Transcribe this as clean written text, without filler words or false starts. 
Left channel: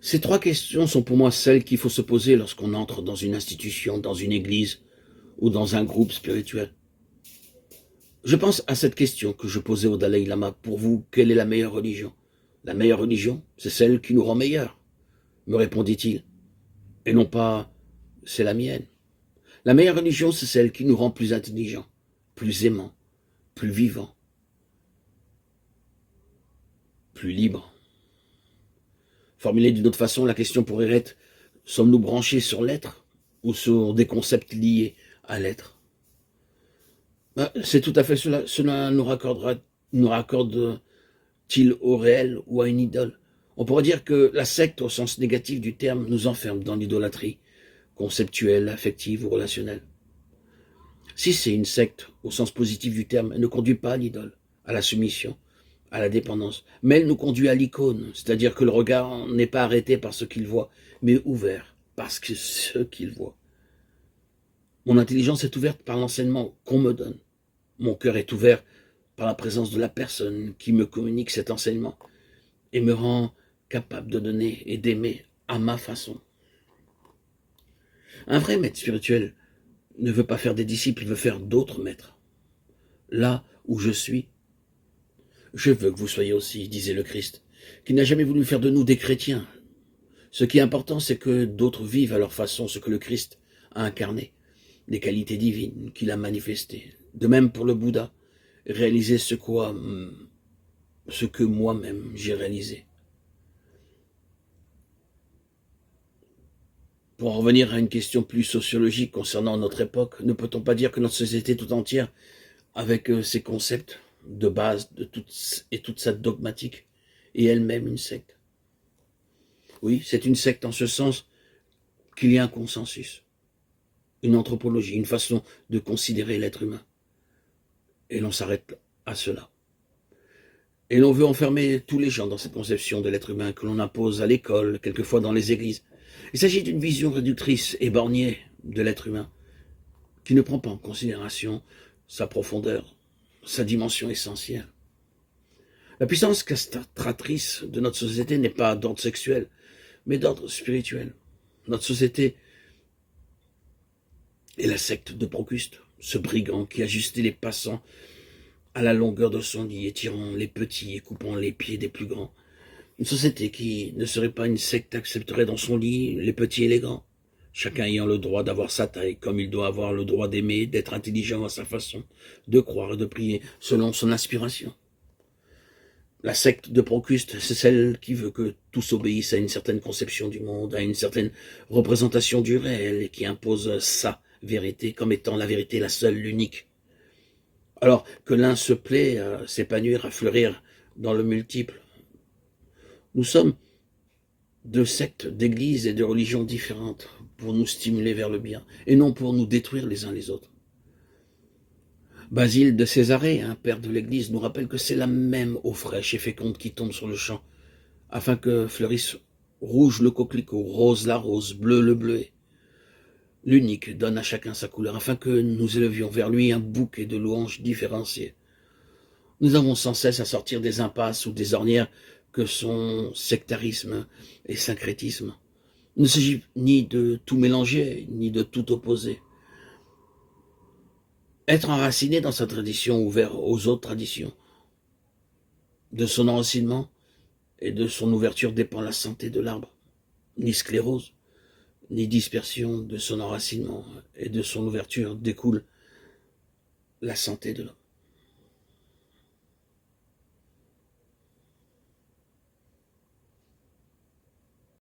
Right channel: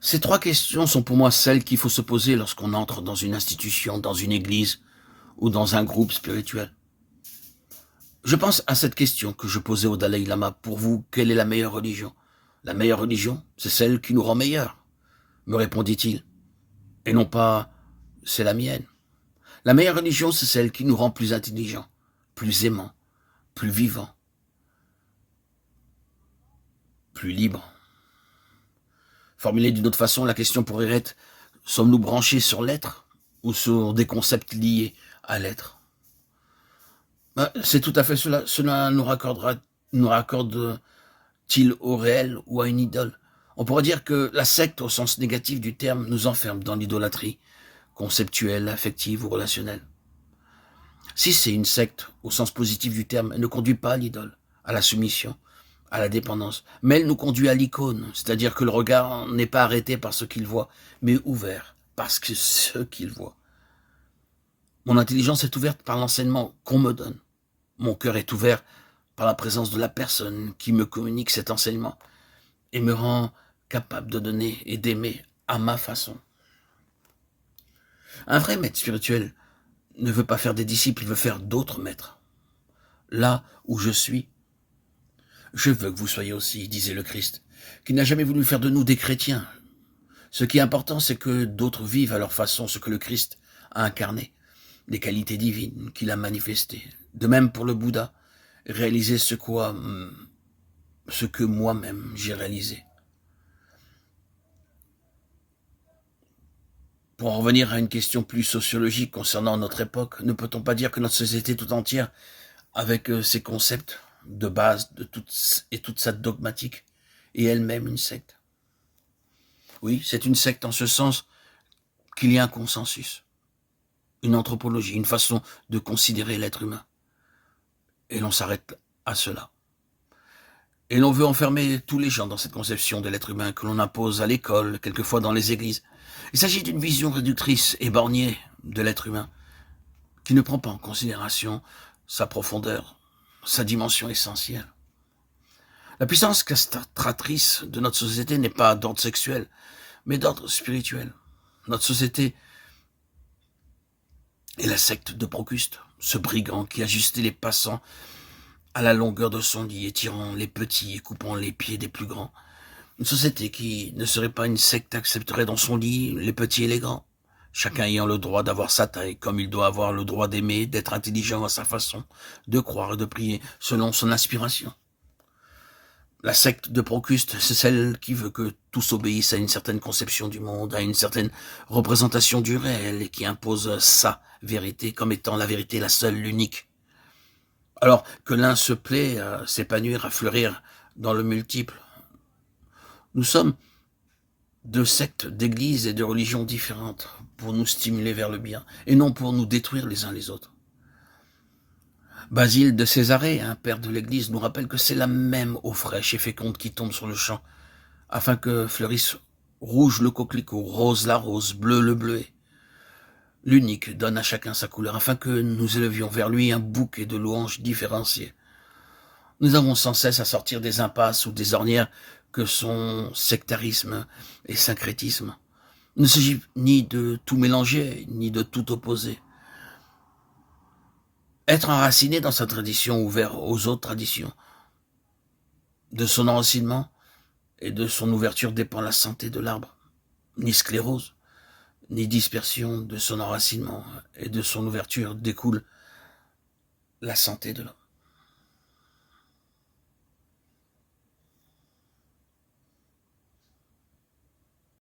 Ces trois questions sont pour moi celles qu'il faut se poser lorsqu'on entre dans une institution, dans une église ou dans un groupe spirituel. Je pense à cette question que je posais au Dalai Lama. Pour vous, quelle est la meilleure religion? La meilleure religion, c'est celle qui nous rend meilleurs, me répondit-il. Et non pas, c'est la mienne. La meilleure religion, c'est celle qui nous rend plus intelligents, plus aimants, plus vivants, plus libres. Formulée d'une autre façon, la question pourrait être, sommes-nous branchés sur l'être ou sur des concepts liés à l'être? C'est tout à fait cela. Cela nous raccorde-t-il au réel ou à une idole? On pourrait dire que la secte, au sens négatif du terme, nous enferme dans l'idolâtrie conceptuelle, affective ou relationnelle. Si c'est une secte, au sens positif du terme, elle ne conduit pas à l'idole, à la soumission, à la dépendance, mais elle nous conduit à l'icône, c'est-à-dire que le regard n'est pas arrêté par ce qu'il voit, mais ouvert par ce qu'il voit. Mon intelligence est ouverte par l'enseignement qu'on me donne. Mon cœur est ouvert par la présence de la personne qui me communique cet enseignement et me rend capable de donner et d'aimer à ma façon. Un vrai maître spirituel ne veut pas faire des disciples, il veut faire d'autres maîtres. Là où je suis, je veux que vous soyez aussi, disait le Christ, qui n'a jamais voulu faire de nous des chrétiens. Ce qui est important, c'est que d'autres vivent à leur façon ce que le Christ a incarné, les qualités divines qu'il a manifestées. De même pour le Bouddha, réaliser ce que moi-même j'ai réalisé. Pour en revenir à une question plus sociologique concernant notre époque, ne peut-on pas dire que notre société tout entière, avec ses concepts de base et toute sa dogmatique, est elle-même une secte? Oui, c'est une secte en ce sens qu'il y a un consensus, une anthropologie, une façon de considérer l'être humain. Et l'on s'arrête à cela. Et l'on veut enfermer tous les gens dans cette conception de l'être humain que l'on impose à l'école, quelquefois dans les églises. Il s'agit d'une vision réductrice et bornée de l'être humain, qui ne prend pas en considération sa profondeur, sa dimension essentielle. La puissance castratrice de notre société n'est pas d'ordre sexuel, mais d'ordre spirituel. Notre société est la secte de Procuste, ce brigand qui ajustait les passants à la longueur de son lit, étirant les petits et coupant les pieds des plus grands. Une société qui ne serait pas une secte accepterait dans son lit les petits et les grands, chacun ayant le droit d'avoir sa taille, comme il doit avoir le droit d'aimer, d'être intelligent à sa façon, de croire et de prier selon son inspiration. La secte de Procuste, c'est celle qui veut que tous obéissent à une certaine conception du monde, à une certaine représentation du réel, et qui impose sa vérité comme étant la vérité la seule, l'unique. Alors que l'un se plaît à s'épanouir, à fleurir dans le multiple. Nous sommes deux sectes d'églises et de religions différentes pour nous stimuler vers le bien, et non pour nous détruire les uns les autres. Basile de Césarée, un père de l'Église, nous rappelle que c'est la même eau fraîche et féconde qui tombe sur le champ, afin que fleurisse rouge le coquelicot, rose la rose, bleu le bleuet. L'unique donne à chacun sa couleur, afin que nous élevions vers lui un bouquet de louanges différenciées. Nous avons sans cesse à sortir des impasses ou des ornières que sont sectarisme et syncrétisme. Il ne s'agit ni de tout mélanger, ni de tout opposer. Être enraciné dans sa tradition, ouvert aux autres traditions. De son enracinement et de son ouverture dépend la santé de l'arbre. Ni sclérose, ni dispersion de son enracinement et de son ouverture découle la santé de l'homme.